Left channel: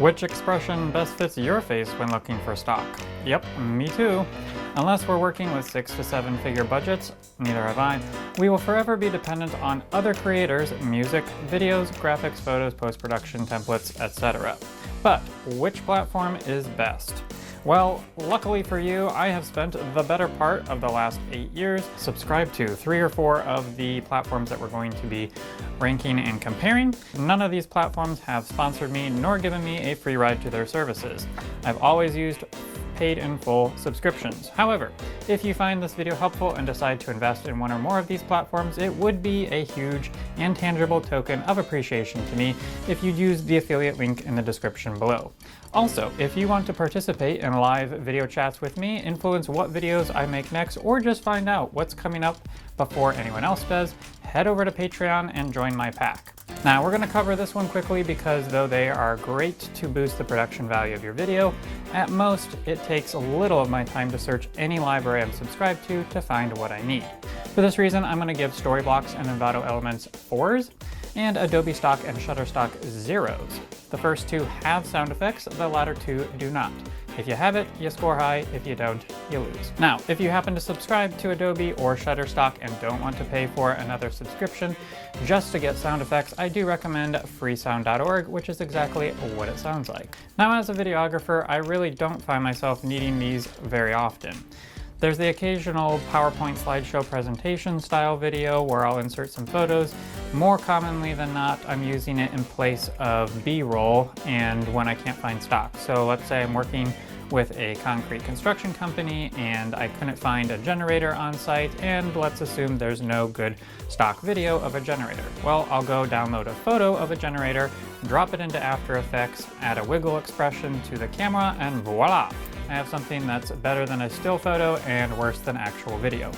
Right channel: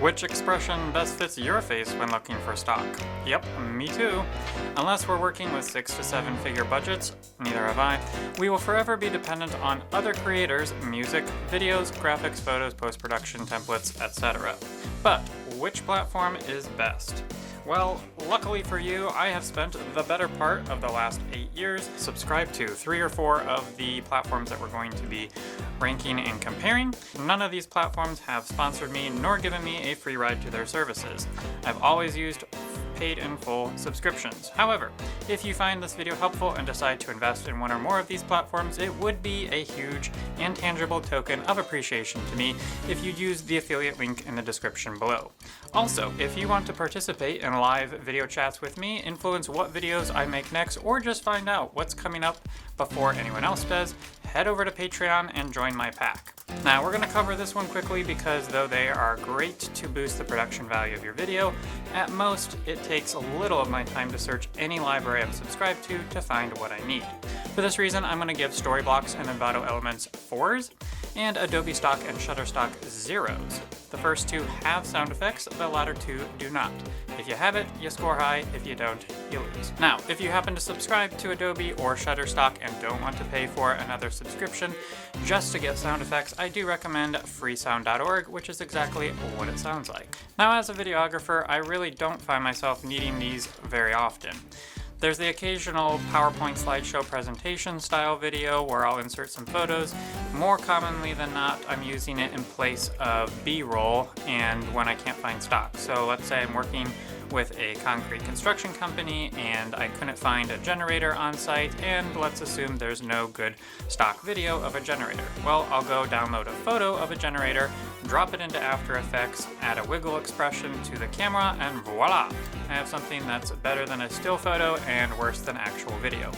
Which expression best fits your face when looking for stock? Yep, me too. Unless we're working with 6 to 7 figure budgets, neither have I, we will forever be dependent on other creators' music, videos, graphics, photos, post-production, templates, etc. But which platform is best? Well, luckily for you, I have spent the better part of the last 8 years subscribed to 3 or 4 of the platforms that we're going to be ranking and comparing. None of these platforms have sponsored me nor given me a free ride to their services. I've always used paid in full subscriptions. However, if you find this video helpful and decide to invest in one or more of these platforms, it would be a huge and tangible token of appreciation to me if you'd use the affiliate link in the description below. Also, if you want to participate in live video chats with me, influence what videos I make next, or just find out what's coming up before anyone else does, head over to Patreon and join my pack. Now, we're going to cover this one quickly because though they are great to boost the production value of your video, at most it takes a little of my time to search any library I'm subscribed to find what I need. For this reason, I'm going to give Storyblocks and Envato Elements 4s and Adobe Stock and Shutterstock 0s. The first two have sound effects, the latter two do not. If you have it, you score high. If you don't, you lose. Now, if you happen to subscribe to Adobe or Shutterstock and don't want to pay for another subscription just to get sound effects, I do recommend freesound.org, which is exactly what it sounds like. Now, as a videographer, I really don't find myself needing these very often. There's the occasional PowerPoint slideshow presentation style video where I'll insert some photos. More commonly than not, I'm using it in place of B-roll and when I can't find stock. So let's say I'm working with a concrete construction company and I couldn't find a generator on site, and let's assume there's no good stock video of a generator. Well, I'll go download a photo of a generator, drop it into After Effects, add a wiggle expression to the camera, and voila! I have something that's better than a still photo and worse than actual video.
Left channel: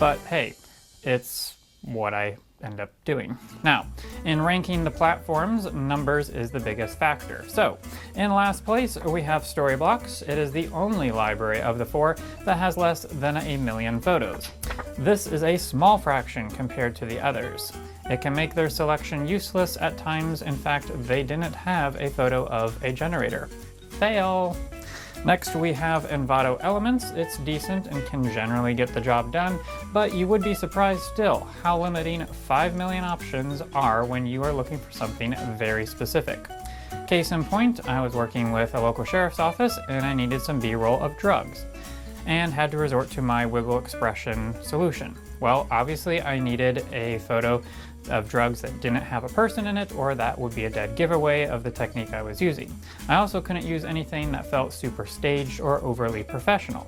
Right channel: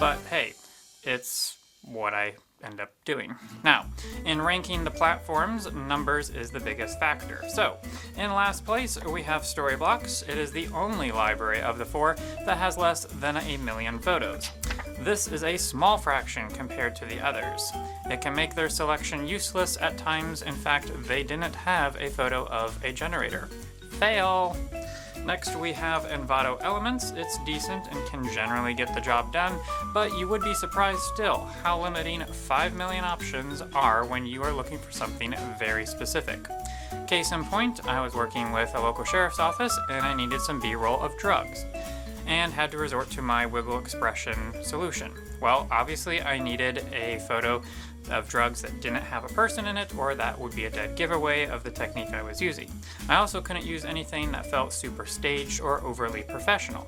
But hey, it's what I end up doing. Now, in ranking the platforms, numbers is the biggest factor. So, in last place, we have Storyblocks. It is the only library of the 4 that has less than 1 million photos. This is a small fraction compared to the others. It can make their selection useless at times. In fact, they didn't have a photo of a generator. Fail! Next, we have Envato Elements. It's decent and can generally get the job done, but you would be surprised still how limiting 5 million options are when you are looking for something very specific. Case in point, I was working with a local sheriff's office and I needed some B-roll of drugs and had to resort to my wiggle expression solution. Well, obviously I needed a photo of drugs that didn't have a person in it, or that would be a dead giveaway of the technique I was using. I also couldn't use anything that felt super staged or overly professional,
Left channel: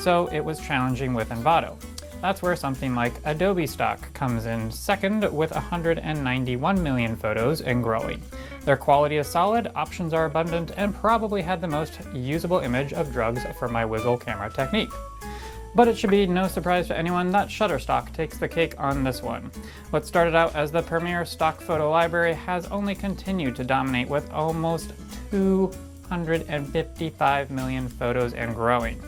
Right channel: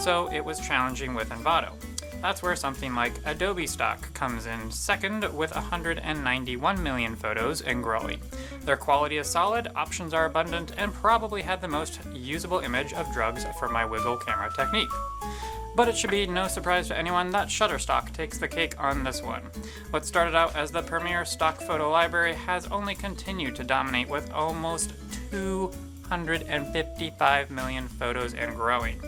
so it was challenging with Envato. That's where something like Adobe Stock comes in second with 191 million photos and growing. Their quality is solid, options are abundant, and probably had the most usable image of drugs for my wiggle camera technique. But it should be no surprise to anyone that Shutterstock takes the cake on this one. What started out as the premier stock photo library has only continued to dominate with almost 255 million photos and growing.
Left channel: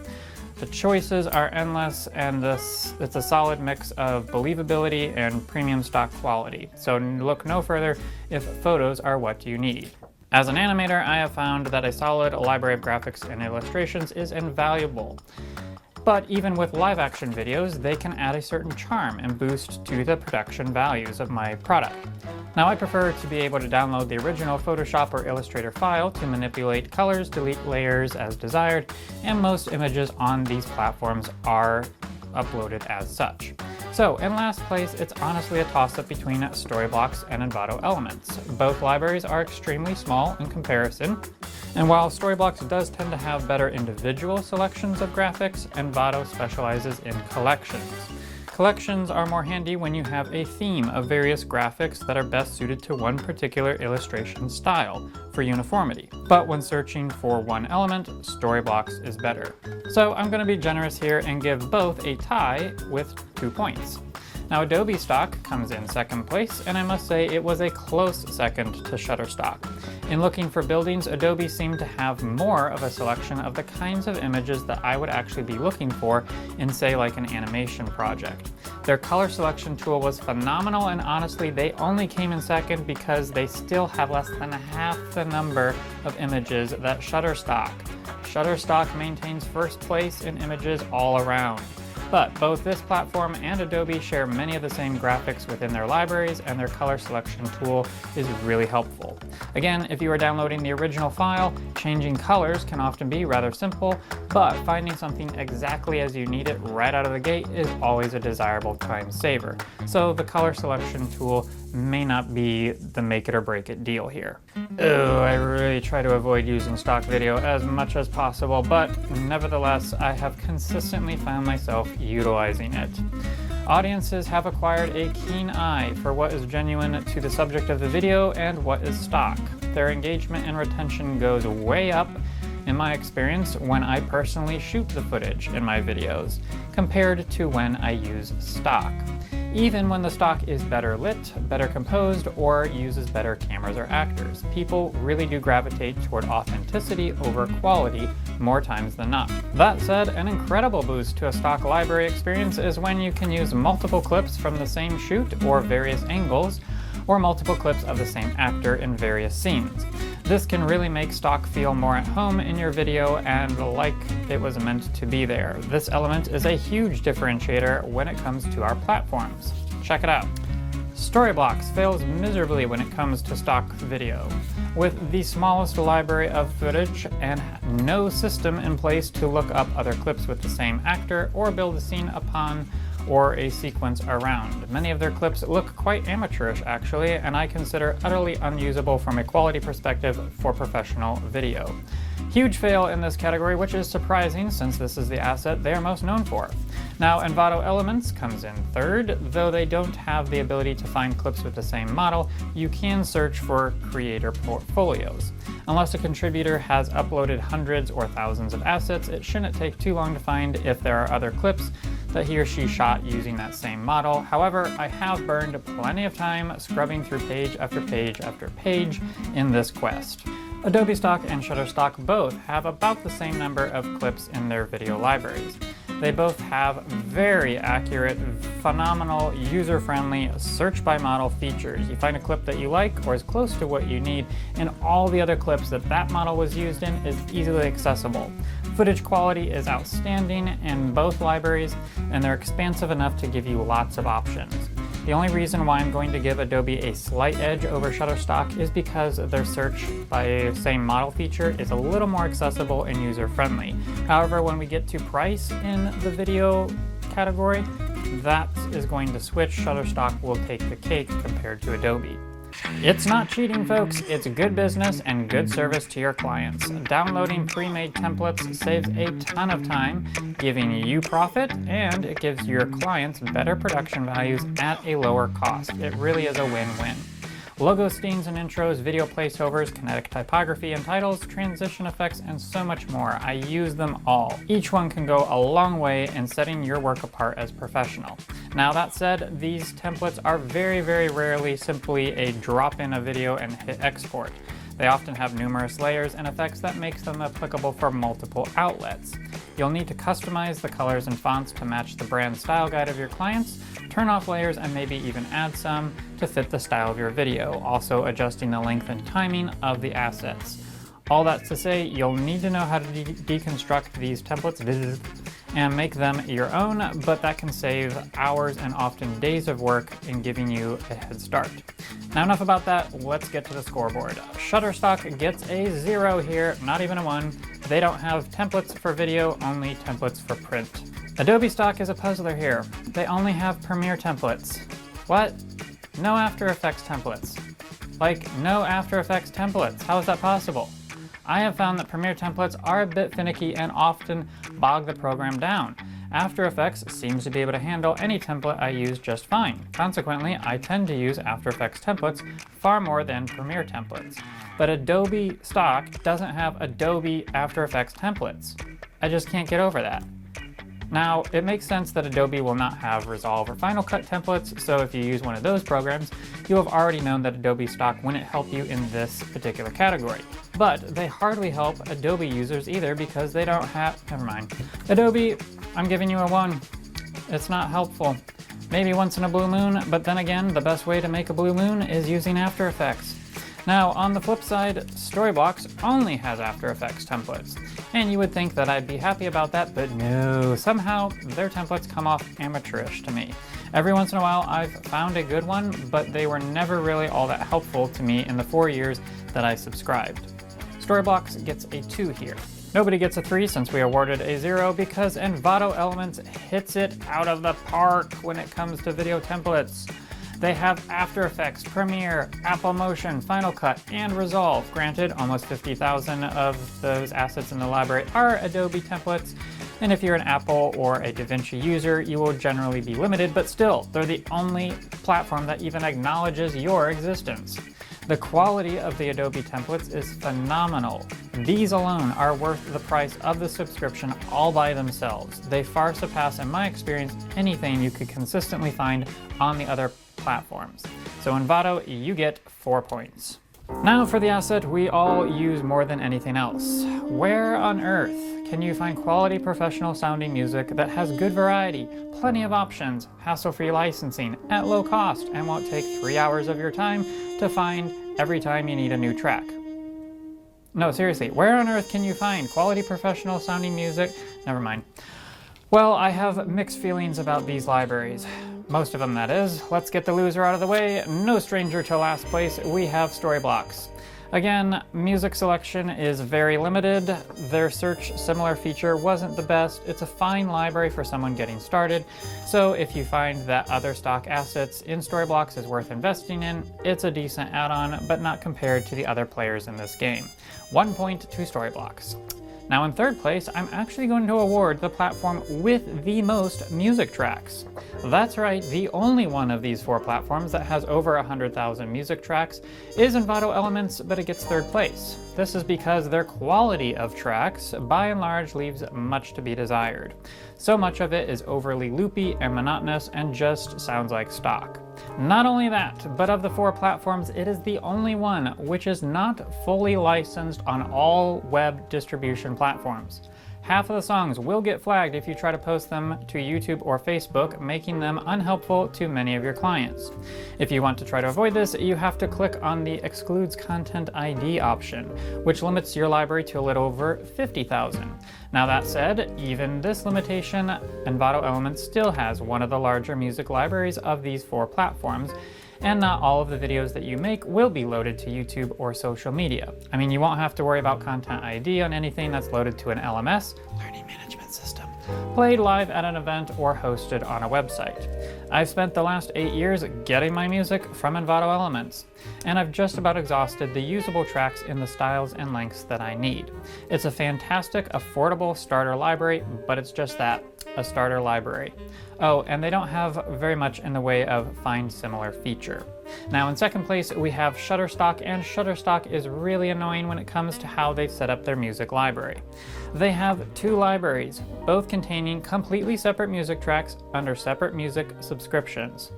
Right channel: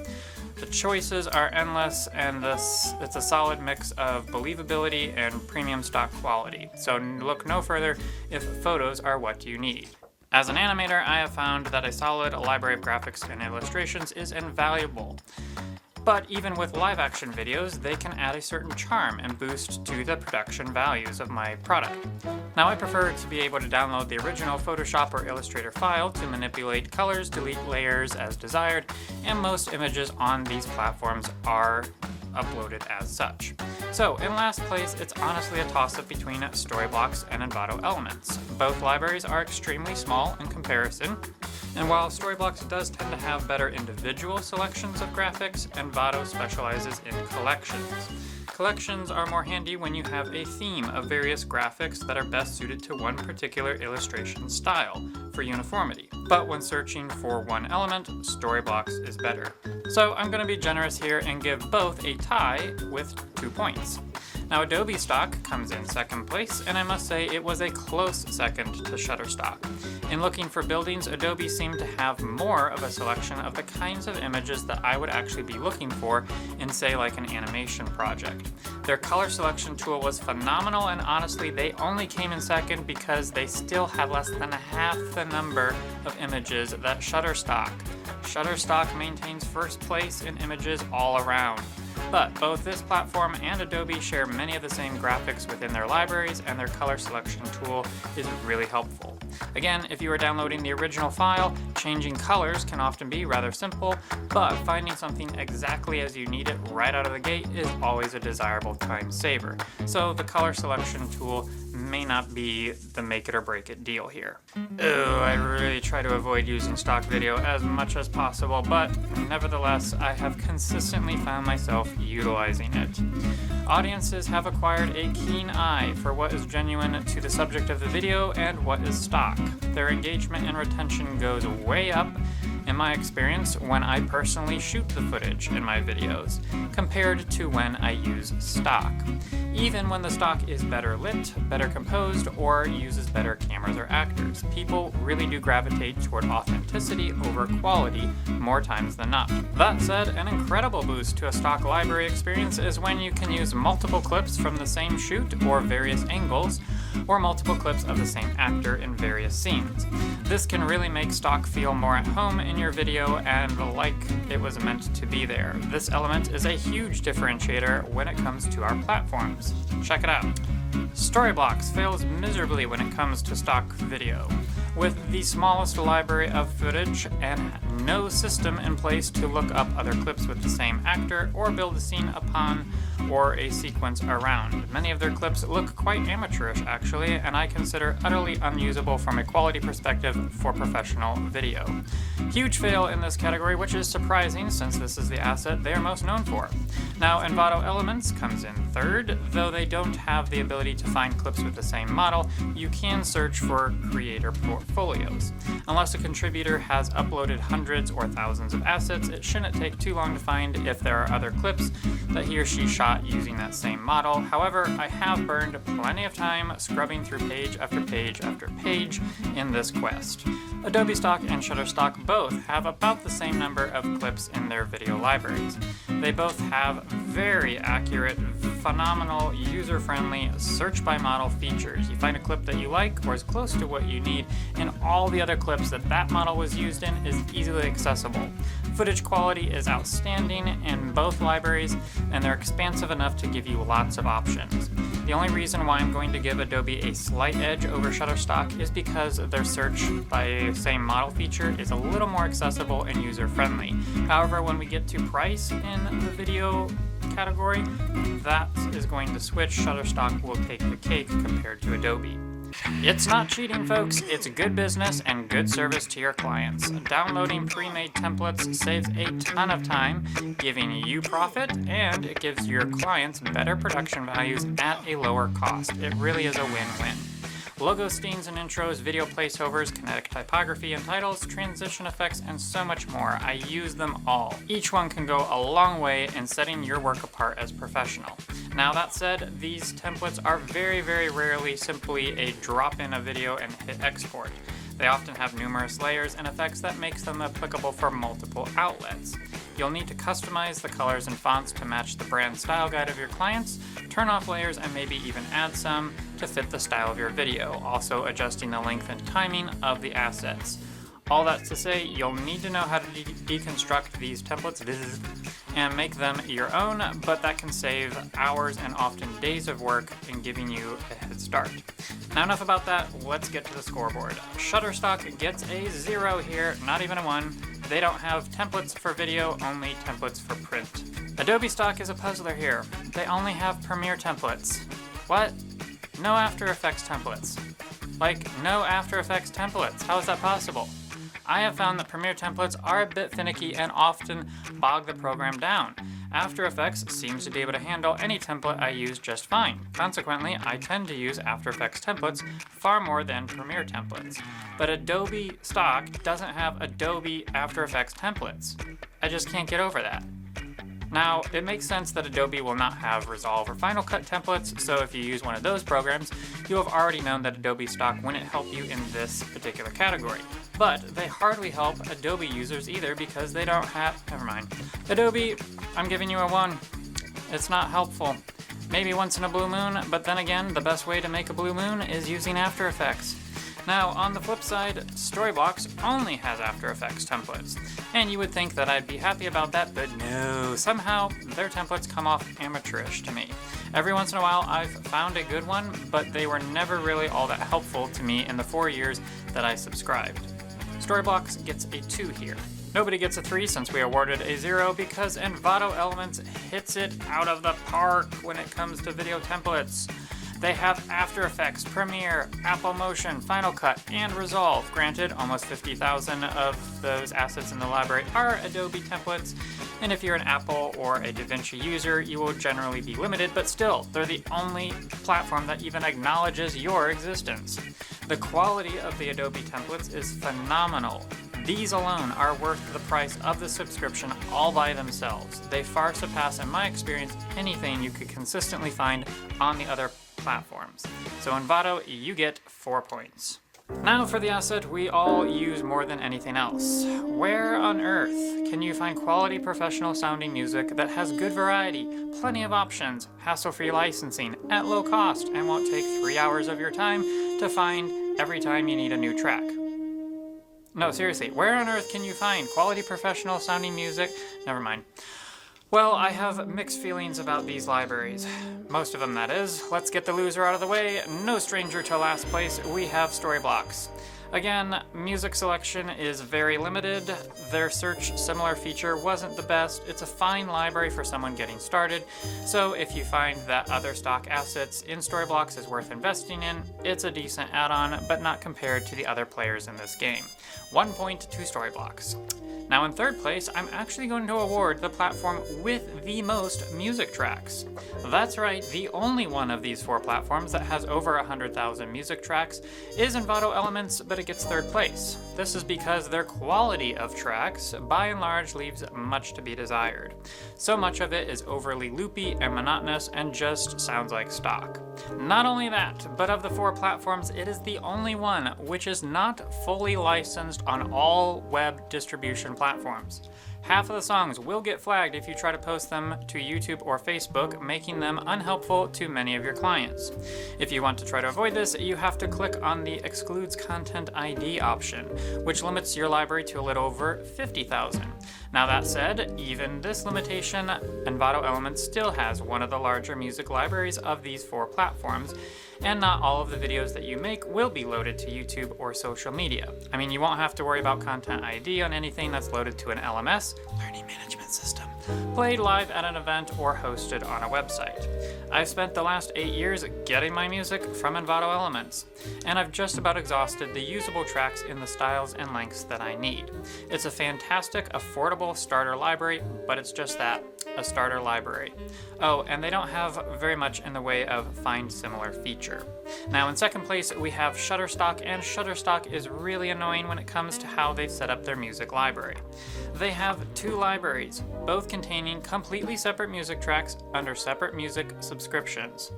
The choices are endless, and it's a solid mix of believability and premium stock quality. So look no further if photos are what you need. As an animator, I have found that a solid library of graphics and illustrations is invaluable. But even with live-action videos, they can add a certain charm and boost to the production values of my product. Now, I prefer to be able to download the original Photoshop or Illustrator file to manipulate colors, delete layers as desired, and most images on these platforms are uploaded as such. So, in last place, it's honestly a toss-up between Storyblocks and Envato Elements. Both libraries are extremely small in comparison, and while Storyblocks does tend to have better individual selections of graphics, Envato specializes in collections. Collections are more handy when you have a theme of various graphics that are best suited to one particular illustration style for uniformity. But when searching for one element, Storyblocks is better. So I'm going to be generous here and give both a tie with 2 points. Now, Adobe Stock comes in second place, and I must say it was a close second to Shutterstock. In looking for buildings, Adobe seemed to have more of a selection of the kinds of images that I would actually be looking for in, say, like an animation project. Their color selection tool was phenomenal, and honestly, they only came in second because they still have less than half the number of images that Shutterstock. Shutterstock maintains first place in images all around. But both this platform and Adobe share many of the same graphics within their libraries, and their color selection tool is really helpful. Again, if you are downloading the original file, changing colors can often be rather simple, but finding something exactly as you need it right out of the gate is always a desirable time saver. So the color selection tool may not be the make it or break it deal here. I really try to avoid using stock video as much as possible, but nevertheless, I have consistently found myself utilizing it. Audiences have acquired a keen eye for what is genuine to the subject of the video and what is stock. Their engagement and retention goes way up, in my experience, when I personally shoot the footage in my videos, compared to when I use stock. Even when the stock is better lit, better composed, or uses better cameras or actors, people really do gravitate toward authenticity over quality more times than not. That said, an incredible boost to a stock library experience is when you can use multiple clips from the same shoot or various angles, or multiple clips of the same actor in various scenes. This can really make stock feel more at home in your video and like it was meant to be there. This element is a huge differentiator when it comes to our platforms. Check it out. Storyblocks fails miserably when it comes to stock video. With the smallest library of footage and no system in place to look up other clips with the same actor or build a scene upon or a sequence around. Many of their clips look quite amateurish actually, and I consider utterly unusable from a quality perspective for professional video. Huge fail in this category, which is surprising since this is the asset they are most known for. Now, Envato Elements comes in third. Though they don't have the ability to find clips with the same model, you can search for creator portfolios. Unless a contributor has uploaded hundreds or thousands of assets, it shouldn't take too long to find if there are other clips that he or she shot using that same model. However, I have burned plenty of time scrubbing through page after page after page in this quest. Adobe Stock and Shutterstock both have about the same number of clips in their video libraries. They both have very accurate, phenomenal, user-friendly search by model features. You find a clip that you like or is close to what you need, and all the other clips that that model was used in is easily accessible. Footage quality is outstanding in both libraries, and they're expansive enough to give you lots of options. The only reason why I'm going to give Adobe a slight edge over Shutterstock is because their search by same model feature is a little more accessible and user-friendly. However, when we get to price in the video category, that is going to switch. Shutterstock will take the cake compared to Adobe. It's not cheating, folks. It's good business and good service to your clients. Downloading pre-made templates saves a ton of time, giving you profit, and it gives your clients better production values at a lower cost. It really is a win-win. Logos, themes, and intros, video placeovers, kinetic typography and titles, transition effects, and so much more. I use them all. Each one can go a long way in setting your work apart as professional. Now that said, these templates are very, very rarely simply a drop in a video and hit export. They often have numerous layers and effects that makes them applicable for multiple outlets. You'll need to customize the colors and fonts to match the brand style guide of your clients, turn off layers, and maybe even add some to fit the style of your video, also adjusting the length and timing of the assets. All that to say, you'll need to know how to deconstruct these templates and make them your own, but that can save hours and often days of work in giving you a head start. Now enough about that, let's get to the scoreboard. Shutterstock gets a 0 here, not even a 1. They don't have templates for video, only templates for print. Adobe Stock is a puzzler here. They only have Premiere templates. What? No After Effects templates. Like, no After Effects templates. How is that possible? I have found that Premiere templates are a bit finicky and often bog the program down. After Effects seems to be able to handle any template I use just fine. Consequently, I tend to use After Effects templates far more than Premiere templates. But Adobe Stock doesn't have Adobe After Effects templates. I just can't get over that. Now, it makes sense that Adobe will not have Resolve or Final Cut templates, so if you use one of those programs, you'll have already known that Adobe stock wouldn't help you in this particular category. But they hardly help Adobe users either because they don't have... Never mind. Adobe, I'm giving you a 1. It's not helpful. Maybe once in a blue moon, but then again, the best way to make a blue moon is using After Effects. Now, on the flip side, Storyblocks only has After Effects templates. And you would think that I'd be happy about that, but no, somehow their templates come off amateurish to me. Every once in a while, I've found a good one, but they were never really all that helpful to me in the 4 years that I subscribed. Storyblocks gets a 2 here. Nobody gets a 3 since we awarded a 0 because Envato Elements hits it out of the park when it comes to video templates. They have After Effects, Premiere, Apple Motion, Final Cut, and Resolve. Granted, almost 50,000 of those assets in the library are Adobe templates, and if you're an Apple or a DaVinci user, you will generally be limited, but still, they're the only platform that even acknowledges your existence. The quality of the Adobe templates is phenomenal. These alone are worth the price of the subscription all by themselves. They far surpass, in my experience, anything you could consistently find on the other platforms. So Envato, you get 4 points. Now for the asset we all use more than anything else. Where on earth can you find quality professional sounding music that has good variety, plenty of options, hassle-free licensing, at low cost, and won't take 3 hours of your time to find every time you need a new track? No, seriously, where on earth can you find quality professional sounding music? Never mind. Well, I have mixed feelings about these libraries. Most of them, that is. Let's get the loser out of the way. No stranger to last place, we have Storyblocks. Again, music selection is very limited. Their search similar feature wasn't the best. It's a fine library for someone getting started. So if you find that other stock assets in Storyblocks is worth investing in, it's a decent add-on, but not compared to the other players in this game. 1 point to Storyblocks. Now in third place, I'm actually going to award the platform with the most music tracks. That's right, the only one of these 4 platforms that has over 100,000 music tracks is Envato Elements, but it gets third place. This is because their quality of tracks, by and large, leaves much to be desired. So much of it is overly loopy and monotonous and just sounds like stock. Not only that, but of the 4 platforms, it is the only one which is not fully licensed on all web distribution platforms. Half of the songs will get flagged if you try to post them to YouTube or Facebook, making them unhelpful to many of your clients. If you want to try to avoid this, you have to click on the Excludes Content ID option, which limits your library to a little over 50,000. Now that said, even this limitation, Envato Elements still has one of the larger music libraries of these 4 platforms, and not all of the videos that you make will be loaded to YouTube or social media. I mean, you won't have to worry about Content ID on anything that's loaded to an LMS, Learning Management System, played live at an event, or hosted on a website. I've spent the last 8 years getting my music from Envato Elements, and I've just about exhausted the usable tracks in the styles and lengths that I need. It's a fantastic, affordable starter library, but it's just that, a starter library. Oh, and they don't have very much in the way of find similar feature. Now in second place we have Shutterstock, and Shutterstock is really annoying when it comes to how they set up their music library. They have 2 libraries, both containing completely separate music tracks under separate music subscriptions.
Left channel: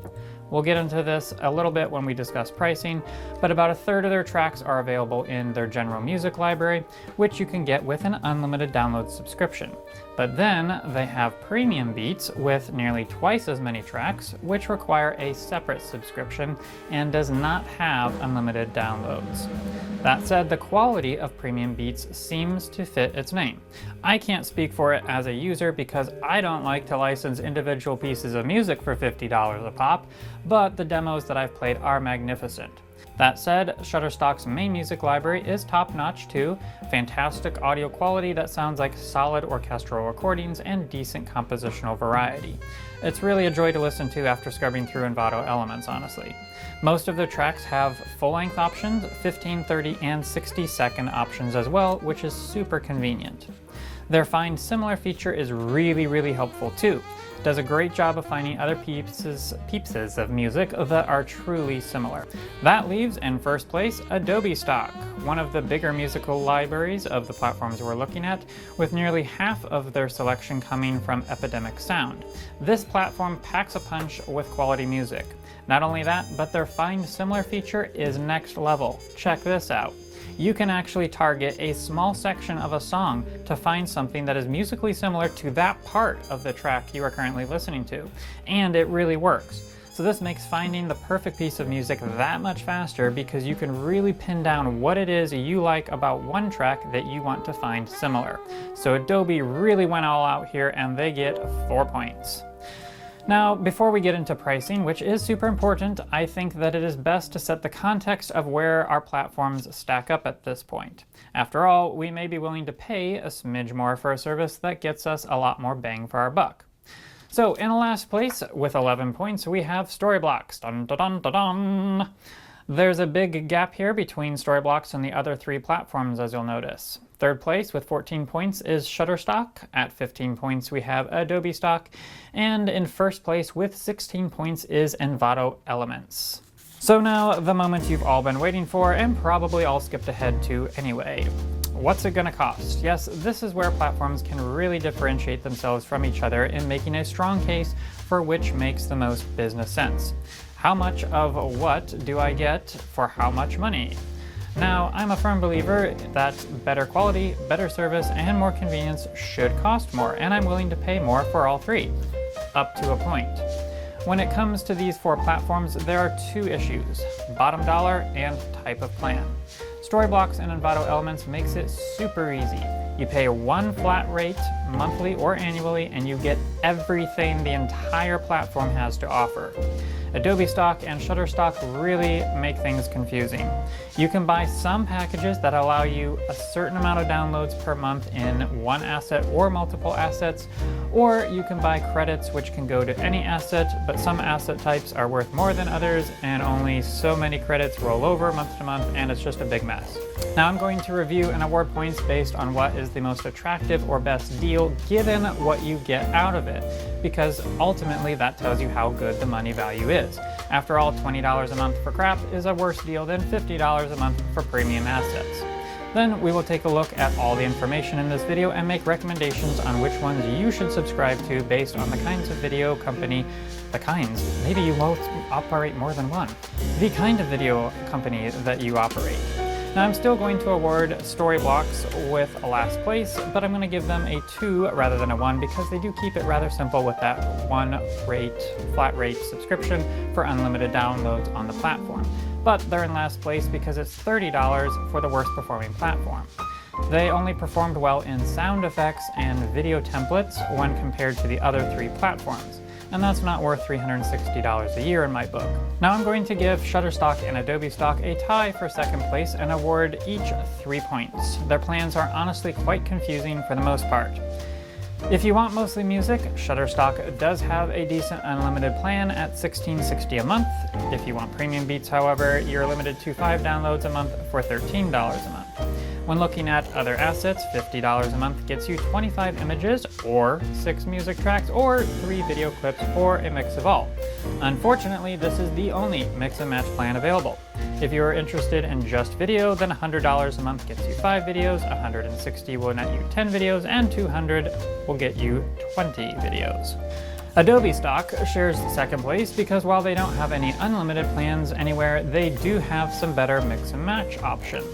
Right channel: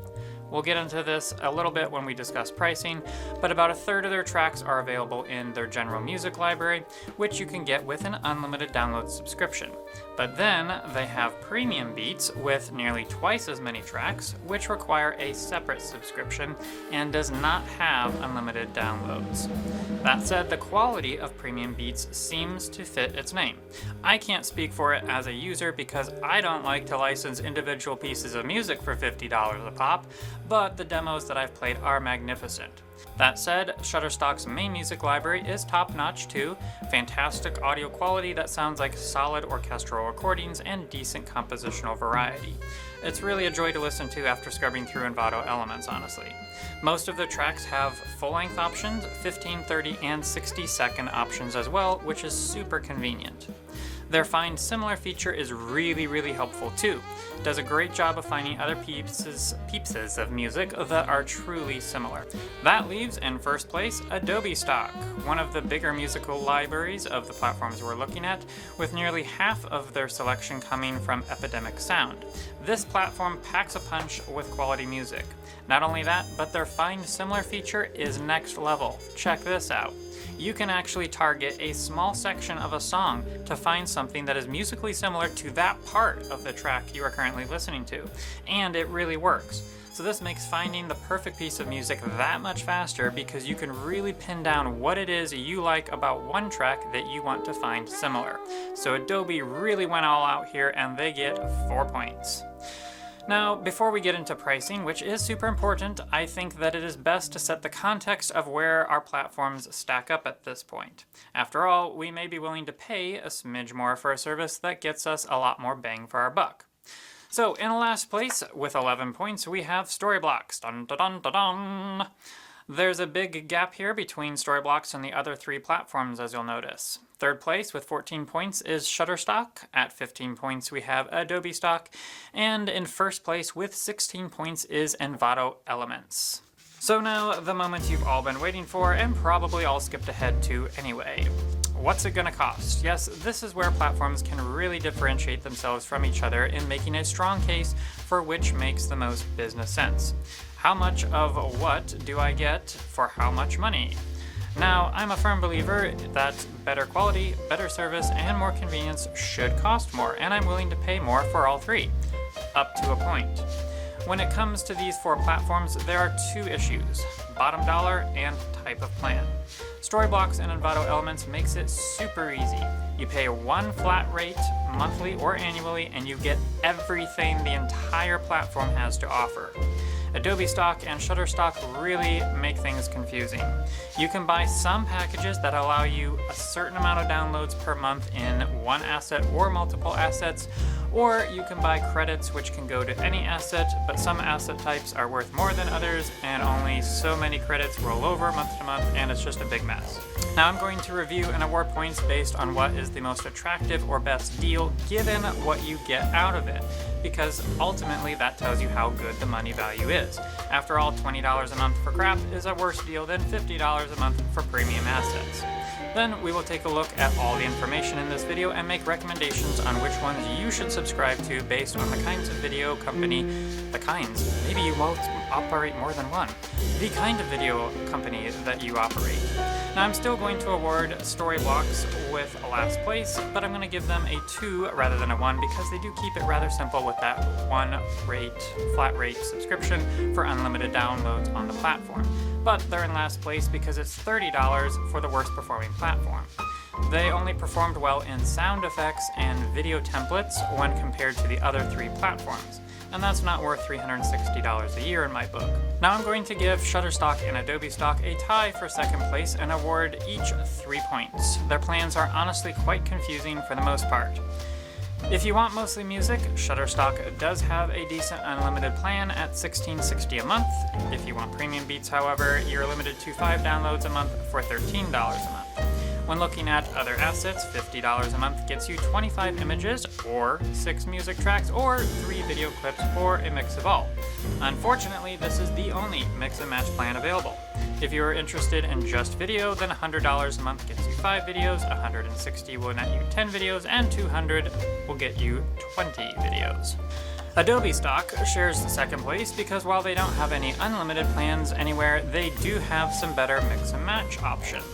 We'll get into this a little bit when we discuss pricing, but about a third of their tracks are available in their general music library, which you can get with an unlimited download subscription. But then they have premium beats with nearly twice as many tracks, which require a separate subscription and does not have unlimited downloads. That said, the quality of premium beats seems to fit its name. I can't speak for it as a user because I don't like to license individual pieces of music for $50 a pop, but the demos that I've played are magnificent. That said, Shutterstock's main music library is top-notch too, fantastic audio quality that sounds like solid orchestral recordings and decent compositional variety. It's really a joy to listen to after scrubbing through Envato Elements, honestly. Most of their tracks have full-length options, 15, 30, and 60-second options as well, which is super convenient. Their Find Similar feature is really helpful too. It does a great job of finding other peepses of music that are truly similar. That leaves in first place Adobe Stock, one of the bigger musical libraries of the platforms we're looking at, with nearly half of their selection coming from Epidemic Sound. This platform packs a punch with quality music. Not only that, but their Find Similar feature is next level. Check this out. You can actually target a small section of a song to find something that is musically similar to that part of the track you are currently listening to, and it really works. So this makes finding the perfect piece of music that much faster because you can really pin down what it is you like about one track that you want to find similar. So Adobe really went all out here and they get 4 points. Now, before we get into pricing, which is super important, I think that it is best to set the context of where our platforms stack up at this point. After all, we may be willing to pay a smidge more for a service that gets us a lot more bang for our buck. So, in last place, with 11 points, we have Storyblocks. Dun, dun, dun, dun, dun. There's a big gap here between Storyblocks and the other 3 platforms, as you'll notice. Third place with 14 points is Shutterstock. At 15 points we have Adobe Stock. And in first place with 16 points is Envato Elements. So now, the moment you've all been waiting for, and probably all skipped ahead to anyway. What's it gonna cost? Yes, this is where platforms can really differentiate themselves from each other in making a strong case for which makes the most business sense. How much of what do I get for how much money? Now, I'm a firm believer that better quality, better service, and more convenience should cost more, and I'm willing to pay more for all 3, up to a point. When it comes to these 4 platforms, there are 2 issues: bottom dollar and type of plan. Storyblocks and Envato Elements makes it super easy. You pay one flat rate, monthly or annually, and you get everything the entire platform has to offer. Adobe Stock and Shutterstock really make things confusing. You can buy some packages that allow you a certain amount of downloads per month in one asset or multiple assets, or you can buy credits which can go to any asset, but some asset types are worth more than others, and only so many credits roll over month to month, and it's just a big mess. Now I'm going to review and award points based on what is the most attractive or best deal given what you get out of it, because ultimately that tells you how good the money value is. After all, $20 a month for crap is a worse deal than $50 a month for premium assets. Then we will take a look at all the information in this video and make recommendations on which ones you should subscribe to based on the kinds of video company, maybe you both operate more than one, the kind of video company that you operate. Now I'm still going to award Storyblocks with a last place, but I'm going to give them a 2 rather than a 1 because they do keep it rather simple with that flat rate subscription for unlimited downloads on the platform. But they're in last place because it's $30 for the worst performing platform. They only performed well in sound effects and video templates when compared to the other 3 platforms, and that's not worth $360 a year in my book. Now I'm going to give Shutterstock and Adobe Stock a tie for second place and award each 3 points. Their plans are honestly quite confusing for the most part. If you want mostly music, Shutterstock does have a decent unlimited plan at $16.60 a month. If you want premium beats, however, you're limited to 5 downloads a month for $13 a month. When looking at other assets, $50 a month gets you 25 images, or 6 music tracks, or 3 video clips, or a mix of all. Unfortunately, this is the only mix and match plan available. If you are interested in just video, then $100 a month gets you 5 videos, $160 will net you 10 videos, and $200 will get you 20 videos. Adobe Stock shares second place because while they don't have any unlimited plans anywhere, they do have some better mix and match options.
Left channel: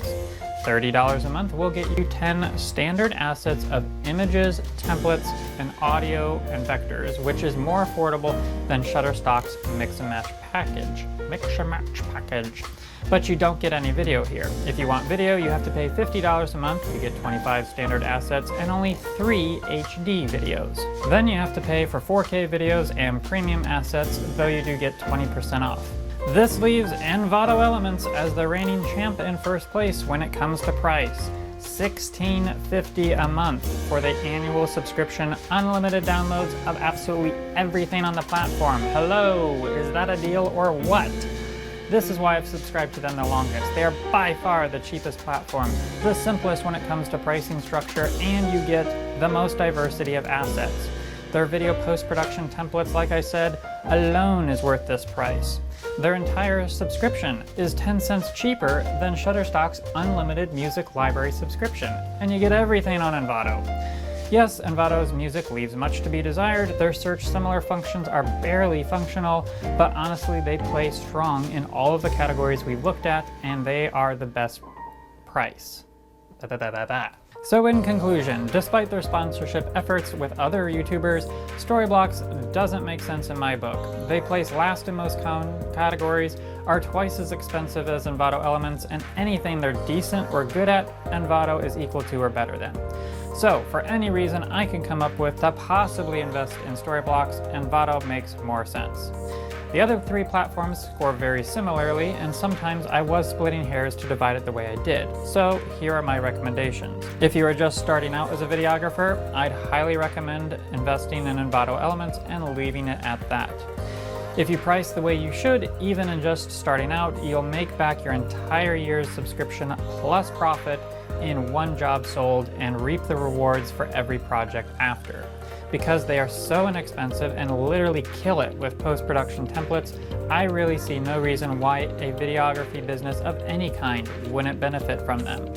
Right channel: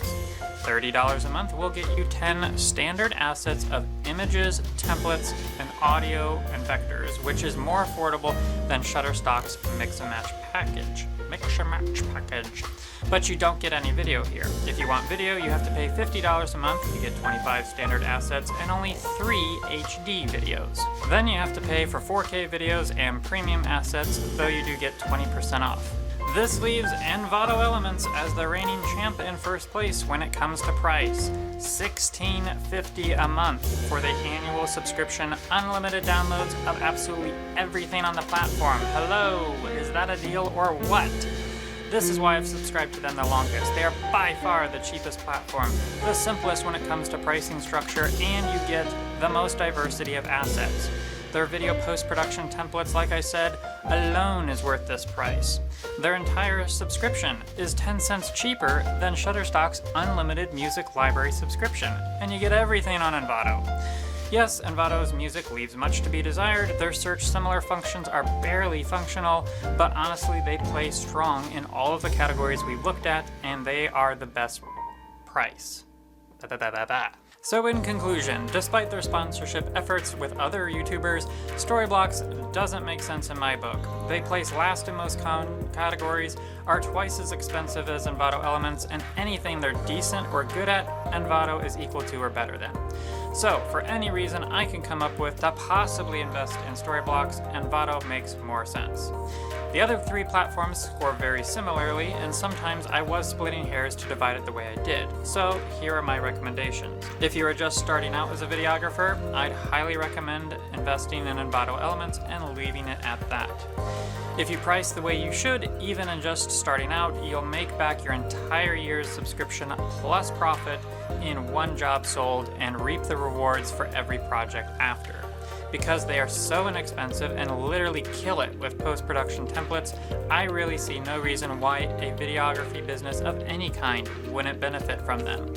$30 a month will get you 10 standard assets of images, templates, and audio and vectors, which is more affordable than Shutterstock's mix and match package. But you don't get any video here. If you want video, you have to pay $50 a month to get 25 standard assets and only 3 HD videos. Then you have to pay for 4K videos and premium assets, though you do get 20% off. This leaves Envato Elements as the reigning champ in first place when it comes to price. $16.50 a month for the annual subscription, unlimited downloads of absolutely everything on the platform. Hello, is that a deal or what? This is why I've subscribed to them the longest. They are by far the cheapest platform, the simplest when it comes to pricing structure, and you get the most diversity of assets. Their video post-production templates, like I said, alone is worth this price. Their entire subscription is 10 cents cheaper than Shutterstock's unlimited music library subscription, and you get everything on Envato. Yes, Envato's music leaves much to be desired. Their search similar functions are barely functional, but honestly they play strong in all of the categories we've looked at, and they are the best price. So in conclusion, despite their sponsorship efforts with other YouTubers, Storyblocks doesn't make sense in my book. They place last in most categories, are twice as expensive as Envato Elements, and anything they're decent or good at, Envato is equal to or better than. So, for any reason I can come up with to possibly invest in Storyblocks, Envato makes more sense. The other three platforms score very similarly, and sometimes I was splitting hairs to divide it the way I did. So here are my recommendations. If you are just starting out as a videographer, I'd highly recommend investing in Envato Elements and leaving it at that. If you price the way you should, even in just starting out, you'll make back your entire year's subscription plus profit in one job sold and reap the rewards for every project after. Because they are so inexpensive and literally kill it with post-production templates, I really see no reason why a videography business of any kind wouldn't benefit from them.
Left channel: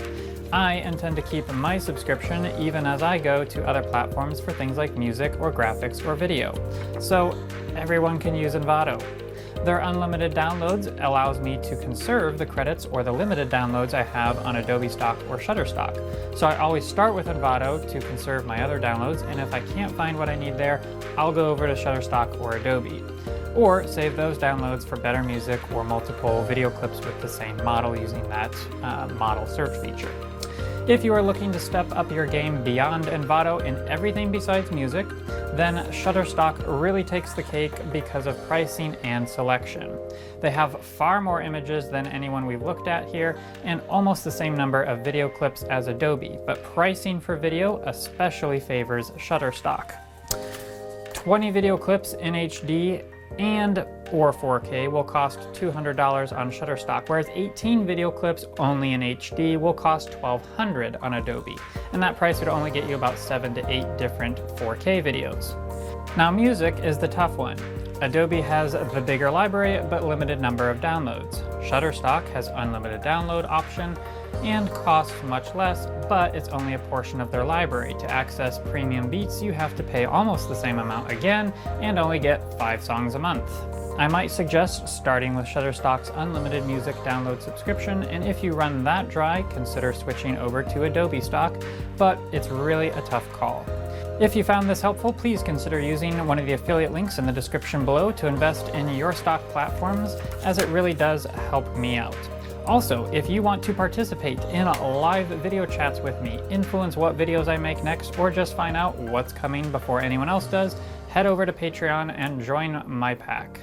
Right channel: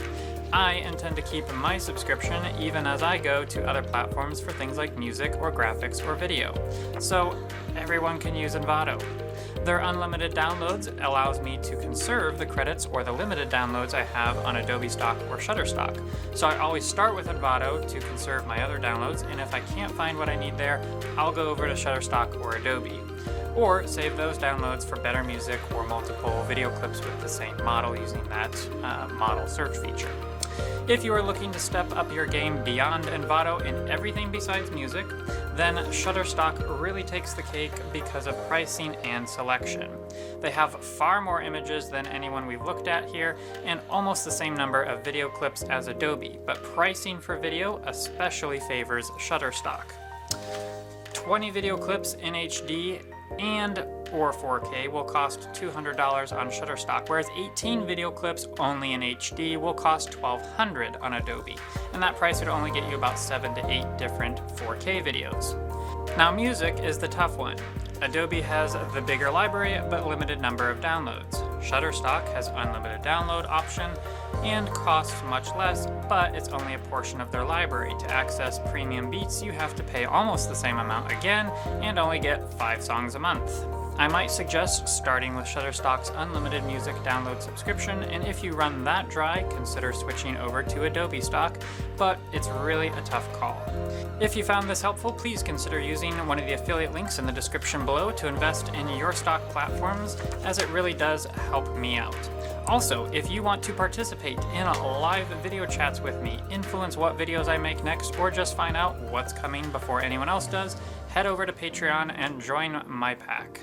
I intend to keep my subscription even as I go to other platforms for things like music or graphics or video. So everyone can use Envato. Their unlimited downloads allows me to conserve the credits or the limited downloads I have on Adobe Stock or Shutterstock. So I always start with Envato to conserve my other downloads, and if I can't find what I need there, I'll go over to Shutterstock or Adobe. Or save those downloads for better music or multiple video clips with the same model using that model search feature. If you are looking to step up your game beyond Envato in everything besides music, then Shutterstock really takes the cake because of pricing and selection. They have far more images than anyone we've looked at here, and almost the same number of video clips as Adobe, but pricing for video especially favors Shutterstock. 20 video clips in HD and or 4K will cost $200 on Shutterstock, whereas 18 video clips only in HD will cost $1,200 on Adobe, and that price would only get you about 7 to 8 different 4K videos. Now music is the tough one. Adobe has the bigger library but limited number of downloads. Shutterstock has unlimited download option and costs much less, but it's only a portion of their library. To access premium beats, you have to pay almost the same amount again and only get 5 songs a month. I might suggest starting with Shutterstock's unlimited music download subscription, and if you run that dry, consider switching over to Adobe Stock, but it's really a tough call. If you found this helpful, please consider using one of the affiliate links in the description below to invest in your stock platforms, as it really does help me out. Also, if you want to participate in live video chats with me, influence what videos I make next, or just find out what's coming before anyone else does, head over to Patreon and join my pack.